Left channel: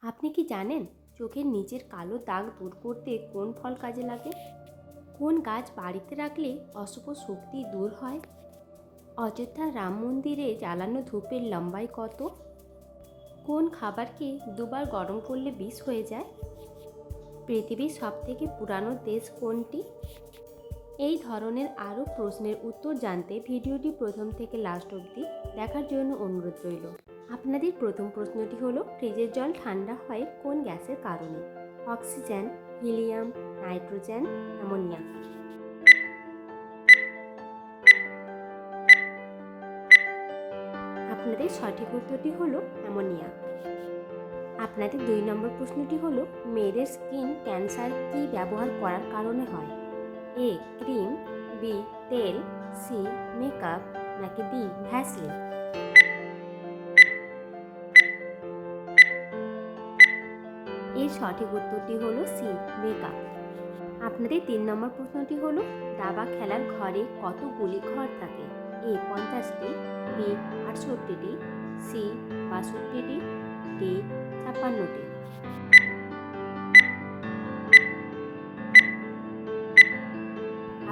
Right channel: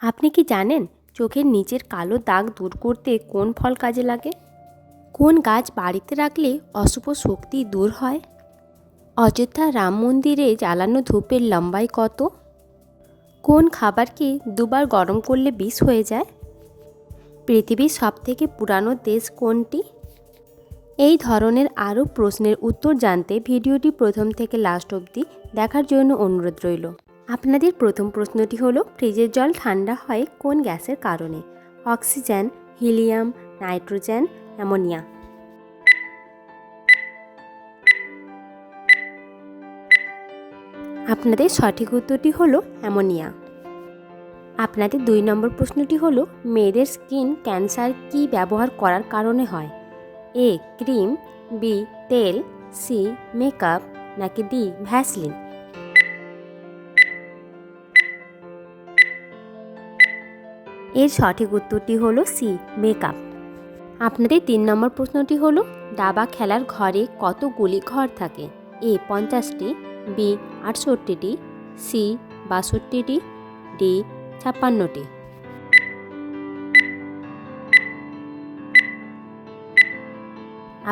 আপনি কি জানেন চোখের নিচের কালো দাগ দূর করতে কোন ফল কাজে লাগে? কোন গাছ বাড়িতে রাখলে অশুভ শক্তি দূর হয়? অযোধ্যা রাম মন্দিরে জ্বালানো ধূপের লম্বাই কত? কোন খাবারকে দুবার গরম করলে বিষ হয়ে যায়? পৃথিবীর সবথেকে পুরানো দেশ কোনটি? এই ধরনের আরও প্রশ্নের উত্তর জানতে ভিডিওটি প্রথম থেকে লাস্ট অবধি দেখার জন্য অনুরোধ রইল। আপনাদের প্রথম প্রশ্নটি হলো, ফ্রিজের জল ঠান্ডা হয় কোন গ্যাসের কারণে? Oxygen, helium, nitrogen, ammonia. আপনাদের সঠিক উত্তরটি হলো অ্যামোনিয়া। আপনাদের 2 নম্বর প্রশ্নটি হলো, মেয়েদের স্কিন ক্যান্সার কি ব্যবহার করার কারণে হয়? এ ক্রিম, বি তেল, সি মেকআপ, নাকি ডি ভ্যাসলিন। এর সঠিক উত্তরটি হলো সি মেকআপ। আপনাদের 3 নম্বর প্রশ্নটি হলো, দাবা খেলার ঘরে কতগুলি ঘর থাকে? এ 50টি, বি 68টি, সি 62টি, ডি 56টি।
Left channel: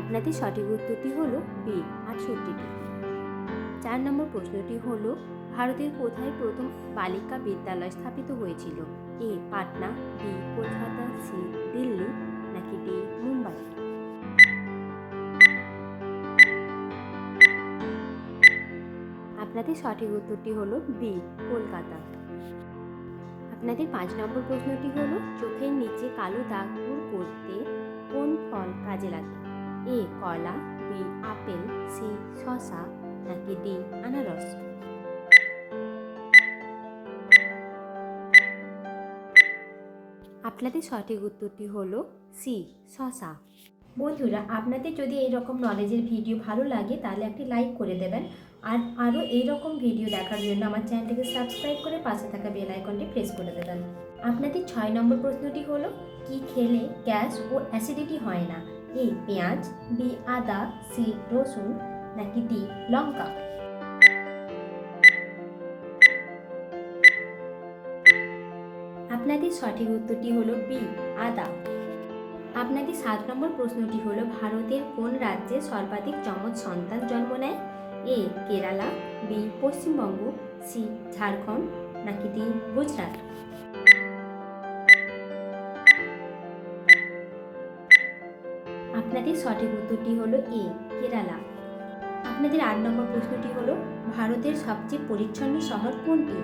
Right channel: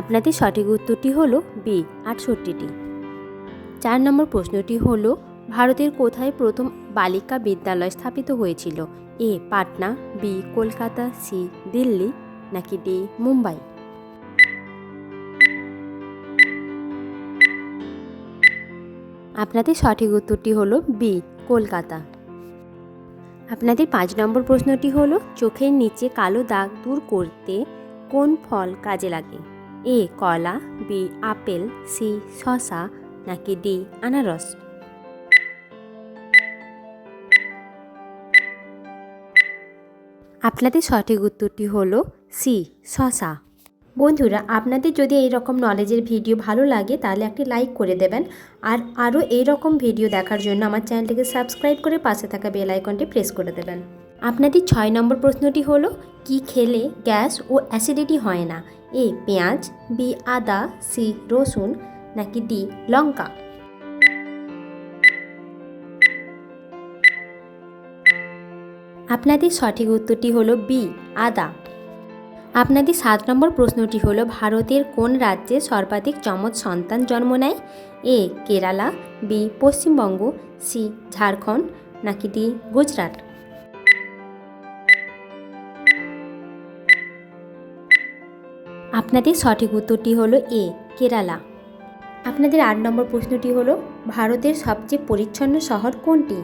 আপনাদের সঠিক উত্তরটি হলো বি 68টি। 4 নম্বর প্রশ্নটি হলো, ভারতের কোথায় প্রথম বালিকা বিদ্যালয় স্থাপিত হয়েছিল? এ পাটনা, বি কলকাতা, সি দিল্লি, নাকি ডি মুম্বাই। আপনাদের সঠিক উত্তরটি হলো বি কলকাতা। আপনাদের 5 নম্বর প্রশ্নটি হলো, চোখের নিচে কালো দাগ দূর করতে কোন ফল কাজে লাগে? এ কলা, বি আপেল, সি শসা, নাকি ডি আনারস। আপনাদের সঠিক উত্তরটি হলো সি শসা। বন্ধুরা, আপনাদের যদি এই রকম নলেজের ভিডিও ভালো লাগে তাহলে একটি লাইক করে দেবেন, আর আরও এই রকম ভিডিও দেখার জন্য আমার চ্যানেলটিকে সাবস্ক্রাইব করে পাশে থাকা বেল আইকনটি প্রেস করে দেবেন। আপনাদের 6 নম্বর প্রশ্নটি হলো, কি খেলে গ্যাস ও অ্যাসিডিটি হয় না? এ পেঁয়াজ, বি আদা, সি রসুন, নাকি ডি লঙ্কা। আপনাদের সঠিক উত্তরটি হলো বি আদা। আপনাদের 7 নম্বর প্রশ্নটি হলো, ভারতের কোন রাজ্যে সর্বাধিক যমজ সন্তান জন্ম নেয়? এ কেরালা, বি পশ্চিমবঙ্গ, সি ঝাড়খণ্ড, নাকি ডি গুজরাট। আপনাদের সঠিক উত্তরটি হলো এ কেরালা। আপনাদের 8 নম্বর প্রশ্নটি হলো, ভারতের সবচেয়ে পরিচ্ছন্ন শহর কোনটি?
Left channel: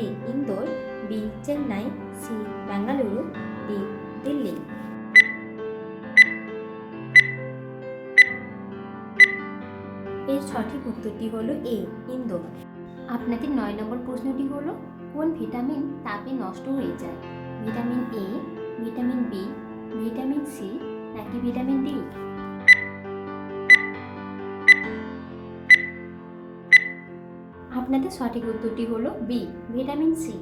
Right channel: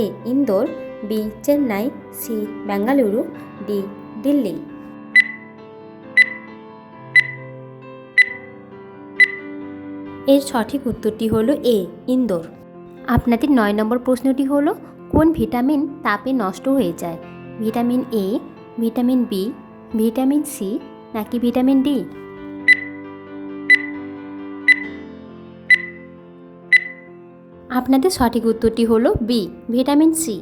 A Indore, B Chennai, C Bengaluru, D Delhi. এর সঠিক উত্তরটি হলো এ ইন্দোর। আপনাদের 9 নম্বর প্রশ্নটি হলো, কোন ভিটামিন তাপে নষ্ট হয়ে যায়? Vitamin A, vitamin B, vitamin C, নাকি ভিটামিন ডি। আপনাদের সঠিক উত্তরটি হলো B vitamin C.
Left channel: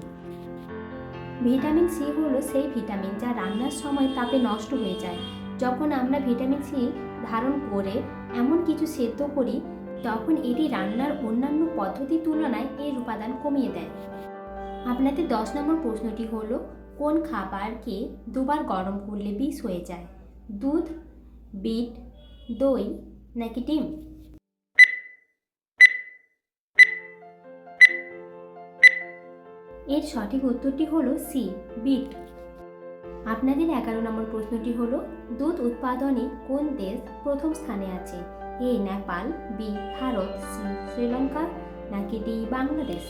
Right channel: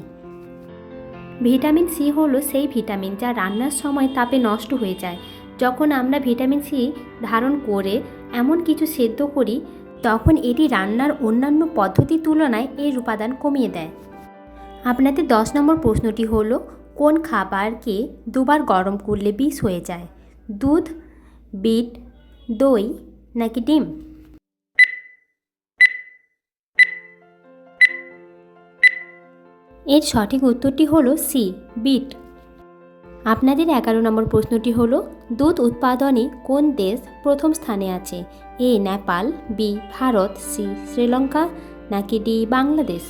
Vitamin C হলো সেই ভিটামিন যা রান্নার সময় তাপে নষ্ট হয়ে যায়। যখন আমরা ভিটামিন সি ধারণ করে এমন কিছু সেদ্ধ করি, তখন এটি রান্নার অন্যান্য পদ্ধতির তুলনায় এর উপাদান কমিয়ে দেয়। আপনাদের 10 নম্বর প্রশ্নটি হলো, কোন খাবারকে দুবার গরম করলে বিষ হয়ে যায়? দুধ, বিট, দই, নাকি ডিম। এর সঠিক উত্তরটি হলো সি বিট। আপনাদের 11 নম্বর প্রশ্নটি হলো, দুধ উৎপাদনে কোন দেশ প্রথম স্থানে আছে? এ নেপাল, বি ভারত, সি শ্রীলঙ্কা, নাকি ডি বাংলাদেশ।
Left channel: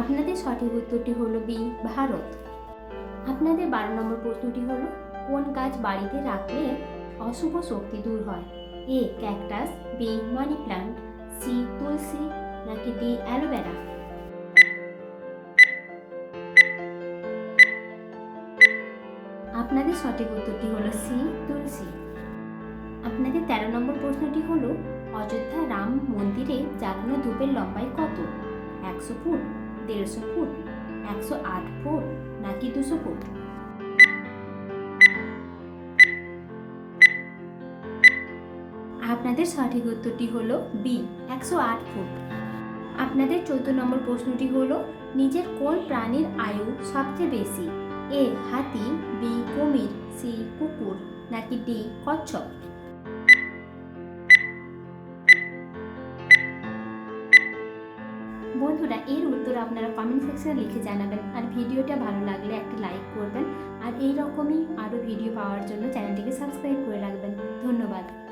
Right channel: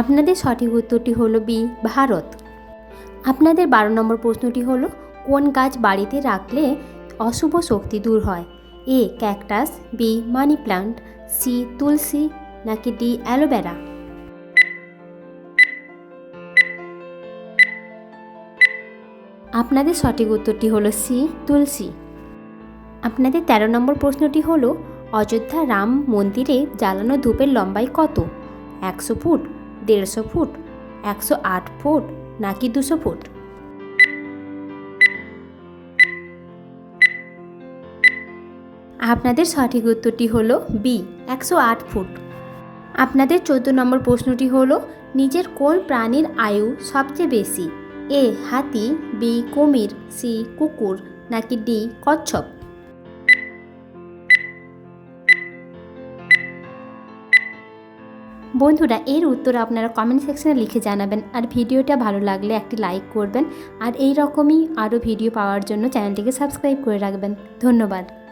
আপনাদের সঠিক উত্তরটি হলো বি ভারত। আপনাদের 12 নম্বর প্রশ্নটি হলো, কোন গাছ বাড়িতে রাখলে অশুভ শক্তি দূর হয়? A cactus, B money plant, C তুলসী, নাকি ডি অ্যালোভেরা। আপনাদের সঠিক উত্তরটি হলো সি তুলসী। আপনাদের 13 নম্বর প্রশ্নটি হলো, অযোধ্যা রাম মন্দিরে জ্বালানো ধূপের লম্বাই কত? 100 ফুট, 150 ফুট, 108 ফুট, নাকি 200 ফুট। আপনাদের সঠিক উত্তরটি হলো বি 108 ফুট। আপনাদের 14 নম্বর প্রশ্নটি হলো, নিচের কোন প্রাণীর আয়ু সবচেয়ে বেশি? এ হাতি, বি কুমির, সি কুকুর, নাকি ডি কচ্ছপ? বন্ধুরা, এর উত্তর আপনারা কমেন্ট সেকশনে লিখে জানাবেন। আর ভিডিওটা ভালো লাগলে একটি লাইক করবেন। আর এই রকমই আরও ভিডিও পাওয়ার জন্য চ্যানেলটিকে সাবস্ক্রাইব করে রাখবেন। ধন্যবাদ।